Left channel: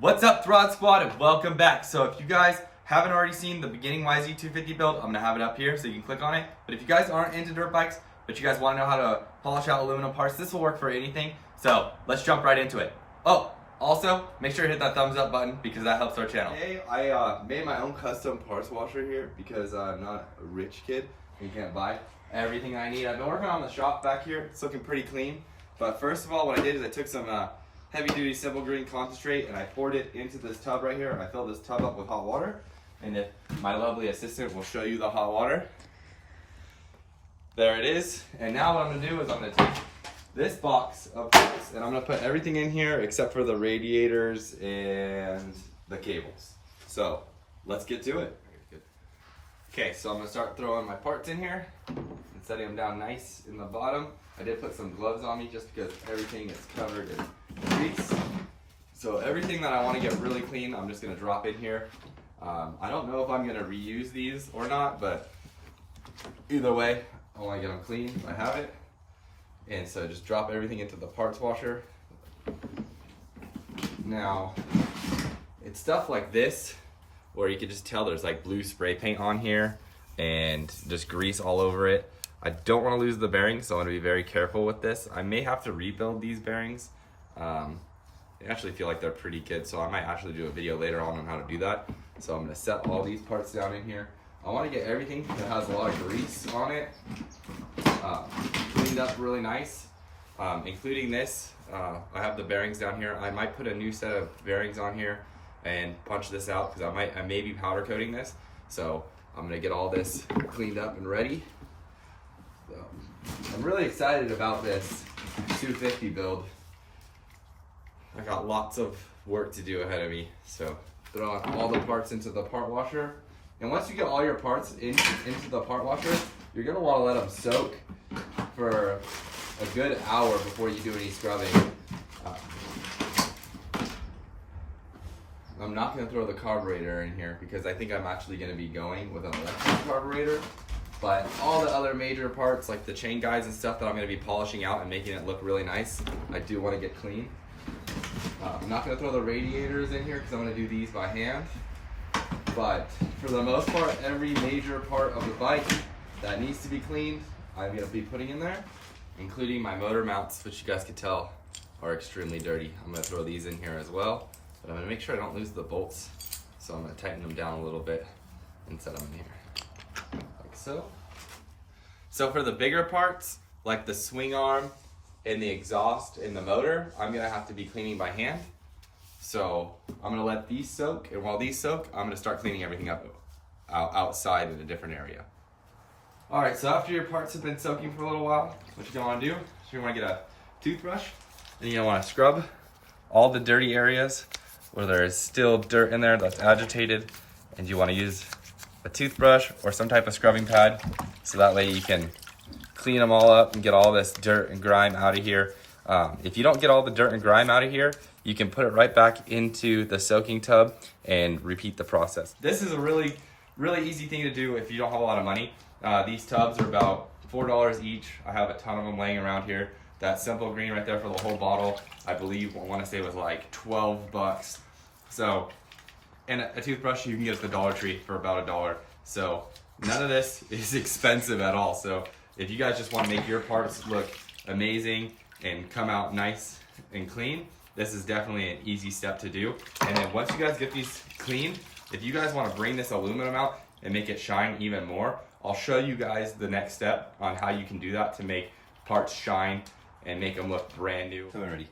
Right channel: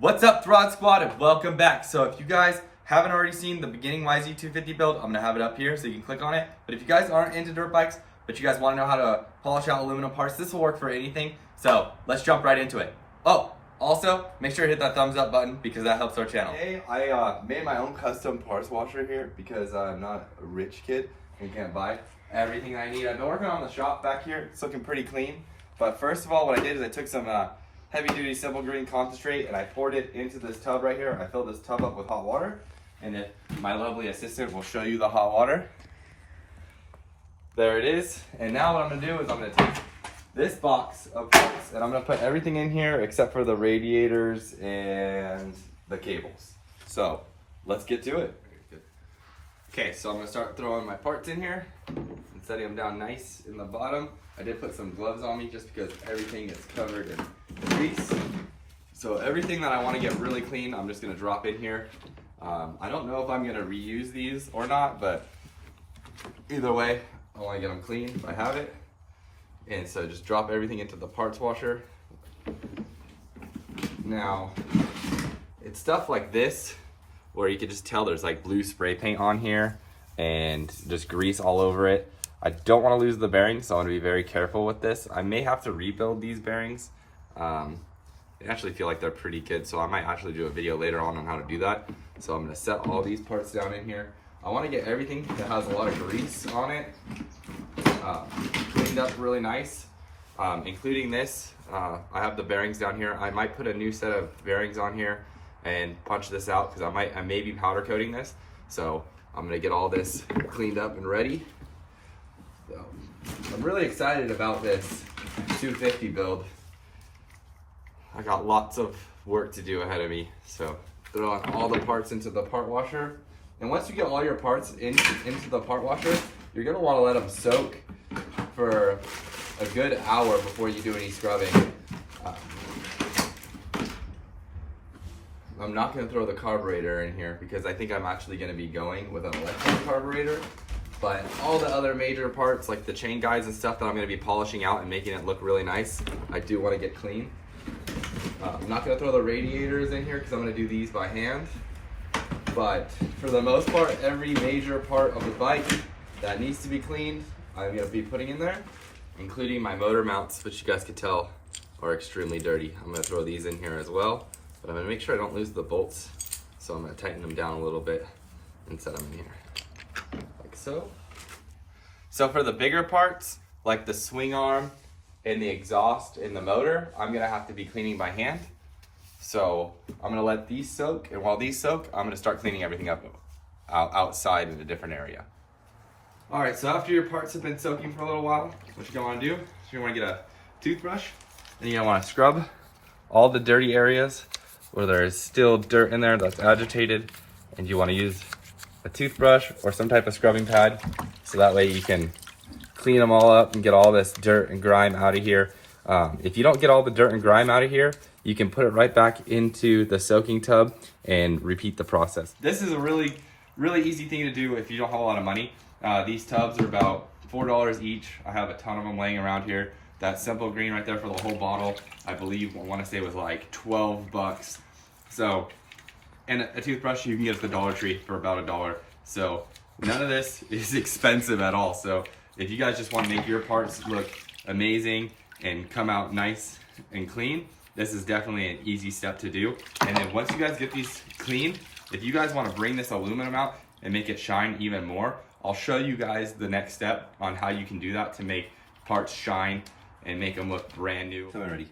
What's up, Throd Squad, and welcome back. So if you guys haven't already seen the beginning yz250 build, I'm gonna have it up here so you can click on it. But if you guys aren't into dirt bikes, but you guys want to know how to polish out aluminum parts, this will work for anything. So let's jump right into it. Oh, also make sure to hit that thumbs up button because that helps our channel. Hey, I made my own custom parts washer here because I'm not a rich kid and can't buy everything I need. I've been working on the shop back here. It's looking pretty clean. But first of all, what I did is I took some heavy duty simple green concentrate and I poured it into this tub right here. I filled this tub up with hot water, and if my lovely assistant will show you the hot water. There it is. And now what I'm gonna do is I'm gonna take this box of parts and I'm gonna put everything in here except for the radiators and the cables. So let's get to it. Okay, so I'm gonna start throwing my parts in here and setting them down nice in the bottom. I did put some gloves on me just because everything is covered in grease. So everything that I want to get really clean, I'm just gonna drop in here. I don't know if I'm gonna reuse these or not, but either way, I want to get them clean if I have it. And so just drop everything into the parts washer. Now, it's stuff like this where you can just tell there's like blue spray paint on here and just grease all over it. I don't want to lose the bearings, so I want to be very careful with this. I may have to rebuild these bearings. I actually feel like they're pretty good, so I might actually do a video later on how to do that. So I'm going to set all these parts down in here. I want to get everything that has a lot of grease on it cleaned up really nice, including this. I have the bearings down here. I might put a new set of bearings on here and punch this out because I may be powder coating this. So I'm going to get all this cleaned up and ready. So I'm really excited about this 250 build. I got lots of work to do ahead of me. So throwing all the parts into the part washer. And once you get all your parts into the part washer, you're gonna wanna let them soak for a good hour before you do any scrubbing. I'm not gonna throw the carburetor in here because I think I'm actually gonna be going with an electric carburetor. But all the other major parts, like the chain guides and stuff that I'm gonna be polishing out and making it look really nice, I do wanna get clean. I'm not gonna throw the radiators in here because I'm gonna do these by hand. But for the most part, every major part of the bike that needs to be cleaned, I'm gonna be putting in there, including my motor mounts, which you guys could tell are extremely dirty. I'm gonna throw these in here as well, but I'm gonna make sure I don't lose the bolts. So I'm gonna tighten them down a little bit and set them in here. Like so. So for the bigger parts, like the swing arm and the exhaust and the motor, I'm gonna have to be cleaning by hand. So I'm gonna let these soak, and while these soak, I'm gonna start cleaning everything up outside in a different area. All right, so after your parts have been soaking for a little while, what you're gonna wanna do is you're gonna get a toothbrush, and you're gonna wanna scrub all the dirty areas where there is still dirt in there that's agitated, and you wanna use a toothbrush or some type of scrubbing pad, so that way you can clean them all up and get all this dirt and grime out of here. If you don't get all the dirt and grime out of here, you can put it right back into the soaking tub and repeat the process. This is a really easy thing to do if you don't have a lot of money. These tubs are about $4 each. I have a ton of them laying around here. That simple green right there for the whole bottle, I believe, I want to say was like 12 bucks. So, and a toothbrush you can get at the Dollar Tree for about $1. So none of this is expensive at all. So if you guys just want to make your parts look amazing and come out nice and clean, this is definitely an easy step to do. And then once you guys get these cleaned, if you guys want to bring this aluminum out and make it shine even more, I'll show you guys the next step on how you can do that to make parts shine and make them look brand new. So I'm ready.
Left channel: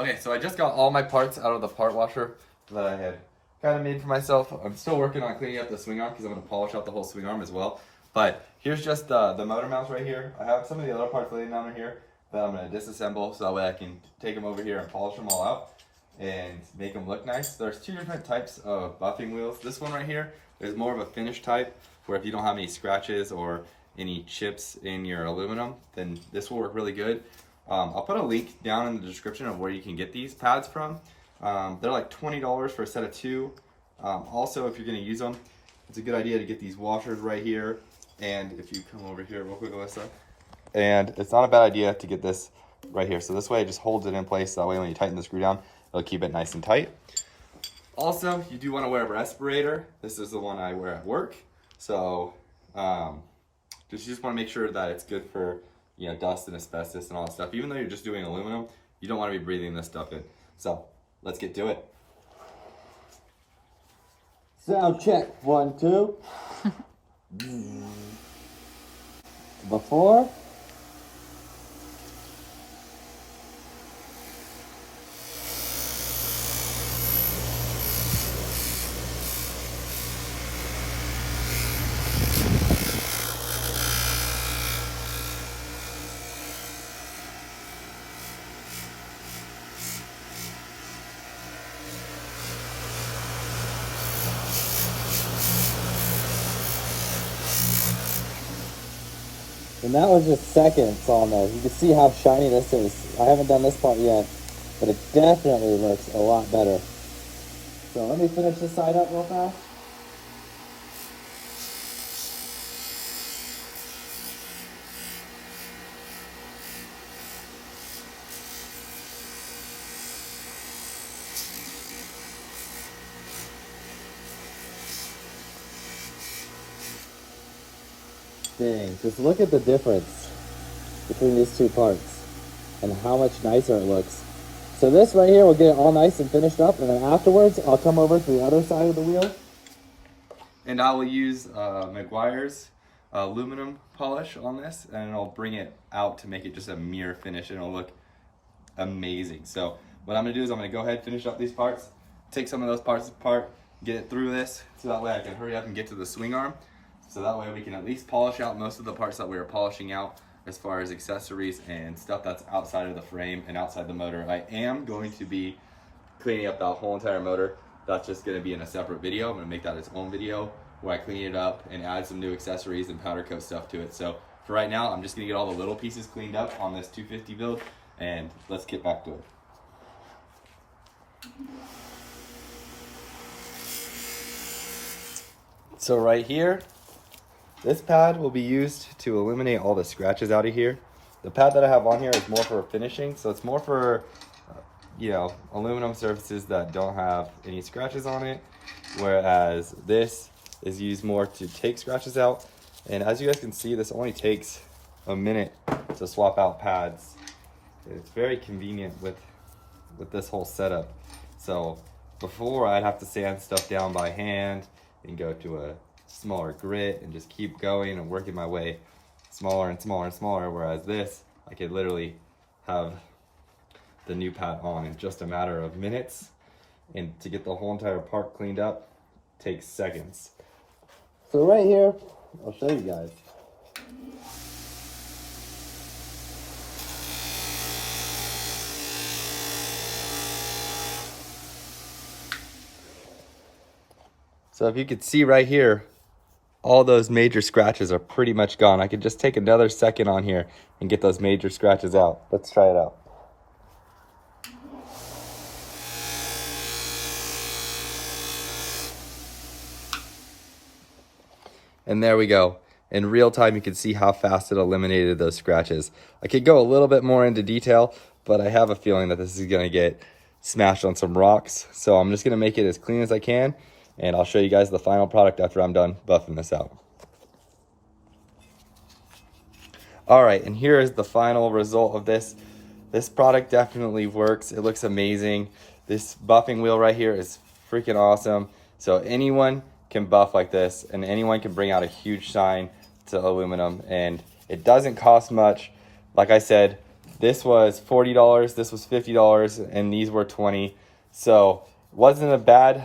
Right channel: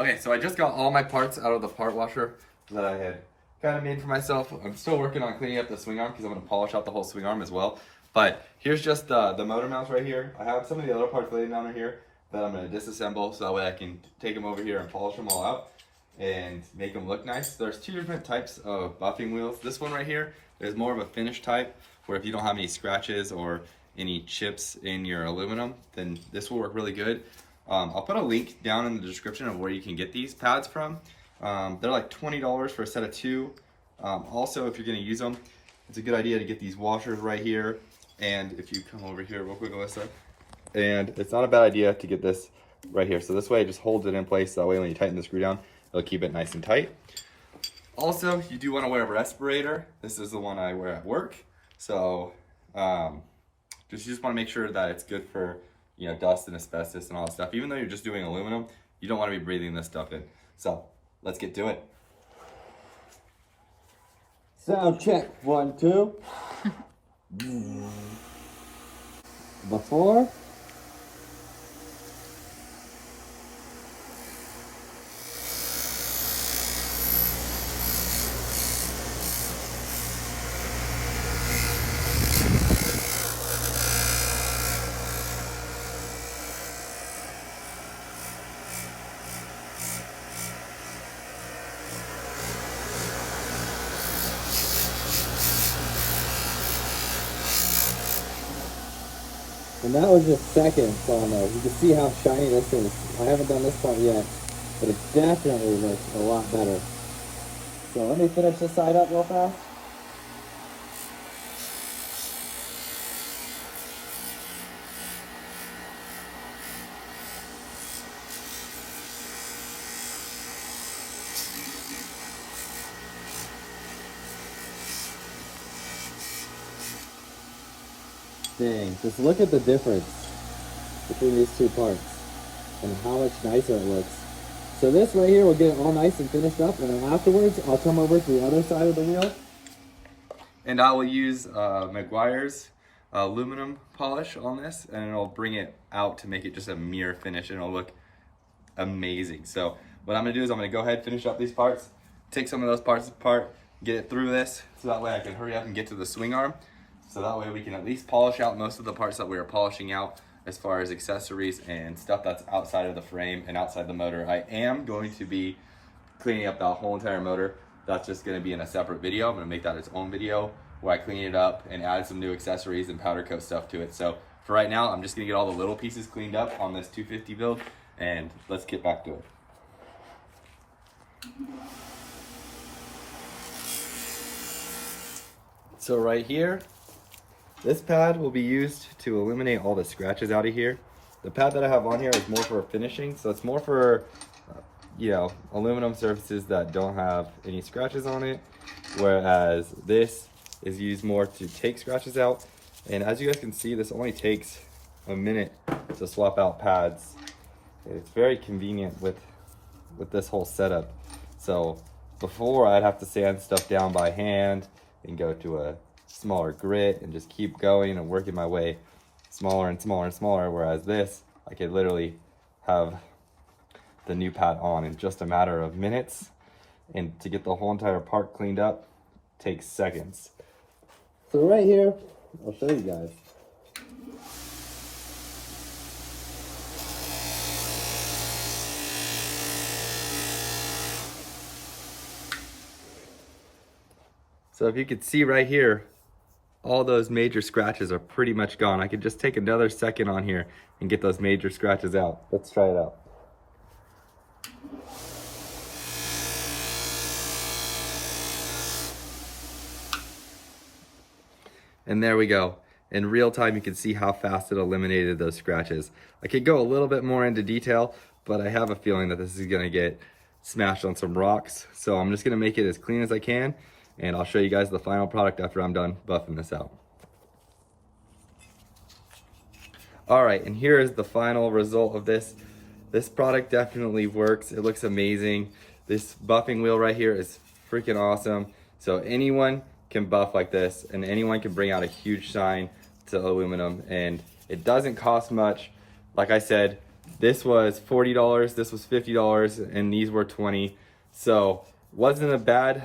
Okay, so I just got all my parts out of the part washer that I had kind of made for myself. I'm still working on cleaning up the swing arm because I'm going to polish out the whole swing arm as well. But here's just the motor mounts right here. I have some of the other parts laying down in here that I'm going to disassemble so that way I can take them over here and polish them all out and make them look nice. There's two different types of buffing wheels. This one right here is more of a finish type where if you don't have any scratches or any chips in your aluminum, then this will work really good. I'll put a link down in the description of where you can get these pads from. They're like $20 for a set of two. Also, if you're going to use them, it's a good idea to get these washers right here. And if you come over here real quick, Alyssa, and it's not a bad idea to get this right here. So this way it just holds it in place. That way when you tighten the screw down, It'll keep it nice and tight. Also, you do want to wear a respirator. This is the one I wear at work. So just want to make sure that it's good for, you know, dust and asbestos and all that stuff. Even though you're just doing aluminum, you don't want to be breathing this stuff in. So let's get to it. Sound check, 1, 2. Before. And that was just seconds on there. You can see how shiny this is. I haven't done this part yet, but it definitely looks a lot better. So let me finish this side up real fast. Dang, just look at the difference between these two parts and how much nicer it looks. So this right here will get it all nice and finished up, and then afterwards I'll come over to the other side of the wheel. And I will use Meguiar's aluminum polish on this, and it'll bring it out to make it just a mirror finish, and it'll look amazing. So what I'm gonna do is I'm gonna go ahead, finish up these parts, take some of those parts apart, get it through this, so that way I can hurry up and get to the swing arm. So that way we can at least polish out most of the parts that we are polishing out as far as accessories and stuff that's outside of the frame and outside the motor. I am going to be cleaning up the whole entire motor. That's just gonna be in a separate video. I'm gonna make that its own video where I clean it up and add some new accessories and powder coat stuff to it. So for right now, I'm just gonna get all the little pieces cleaned up on this 250 build, and let's get back to it. So right here, this pad will be used to eliminate all the scratches out of here. The pad that I have on here is more for finishing, so it's more for you know, aluminum surfaces that don't have any scratches on it, whereas this is used more to take scratches out. And as you guys can see, this only takes a minute to swap out pads. It's very convenient with this whole setup. So before, I'd have to sand stuff down by hand and go to a smaller grit and just keep going and working my way smaller and smaller and smaller, whereas this, I could literally have the new pad on in just a matter of minutes, and to get the whole entire part cleaned up takes seconds. So right here, I'll show you guys. So if you could see right here, all those major scratches are pretty much gone. I could just take another second on here and get those major scratches out. Let's try it out. And there we go. In real time, you can see how fast it eliminated those scratches. I could go a little bit more into detail, but I have a feeling that this is gonna get smashed on some rocks. So I'm just gonna make it as clean as I can, and I'll show you guys the final product after I'm done buffing this out. All right, and here is the final result of this. This product definitely works. It looks amazing. This buffing wheel right here is freaking awesome. So anyone can buff like this, and anyone can bring out a huge shine to aluminum, and it doesn't cost much. Like I said, this was $40, this was $50, and these were $20. So wasn't a bad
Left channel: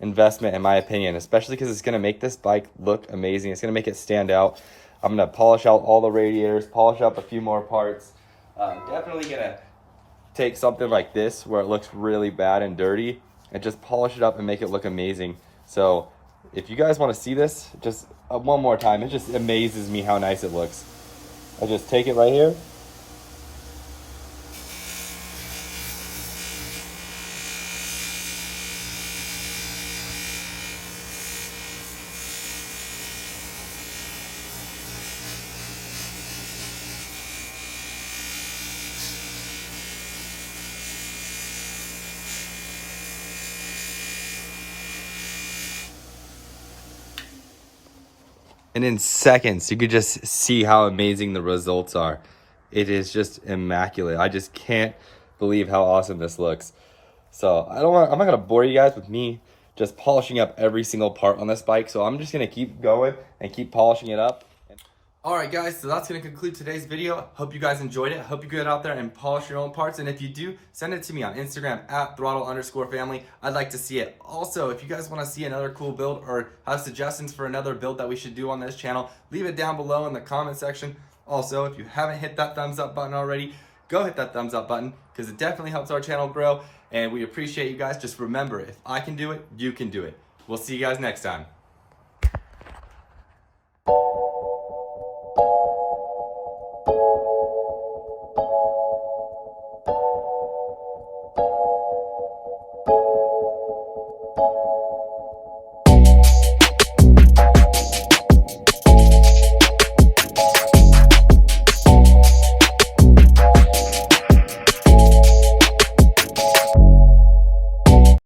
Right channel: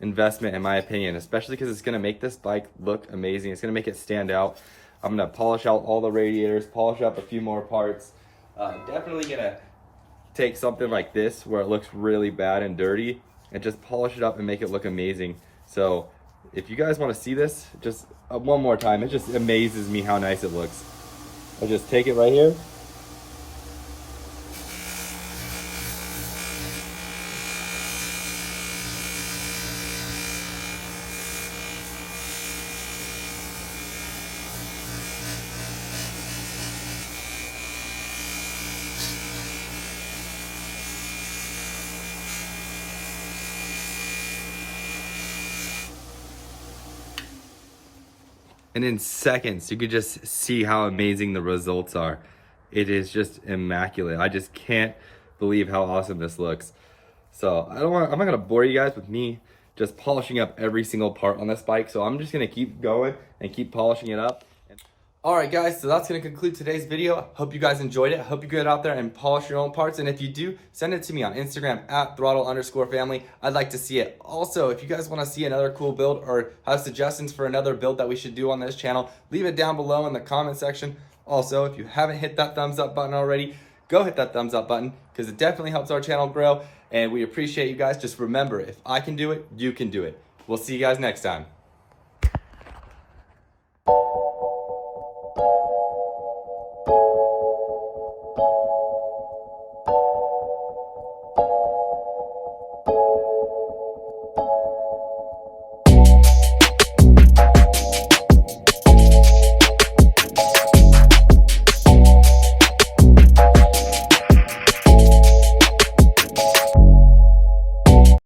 investment in my opinion, especially because it's gonna make this bike look amazing. It's gonna make it stand out. I'm gonna polish out all the radiators, polish up a few more parts. Definitely gonna take something like this where it looks really bad and dirty and just polish it up and make it look amazing. So if you guys want to see this, just one more time, it just amazes me how nice it looks. I'll just take it right here. and in seconds, you could just see how amazing the results are. It is just immaculate. I just can't believe how awesome this looks. So I'm not gonna bore you guys with me just polishing up every single part on this bike. So I'm just gonna keep going and keep polishing it up. All right, guys, so that's gonna conclude today's video. Hope you guys enjoyed it. Hope you get out there and polish your own parts. And if you do, send it to me on Instagram at throttle_family. I'd like to see it. Also, if you guys wanna see another cool build or have suggestions for another build that we should do on this channel, leave it down below in the comment section. Also, if you haven't hit that thumbs up button already, go hit that thumbs up button because it definitely helps our channel grow. And we appreciate you guys. Just remember, if I can do it, you can do it. We'll see you guys next time.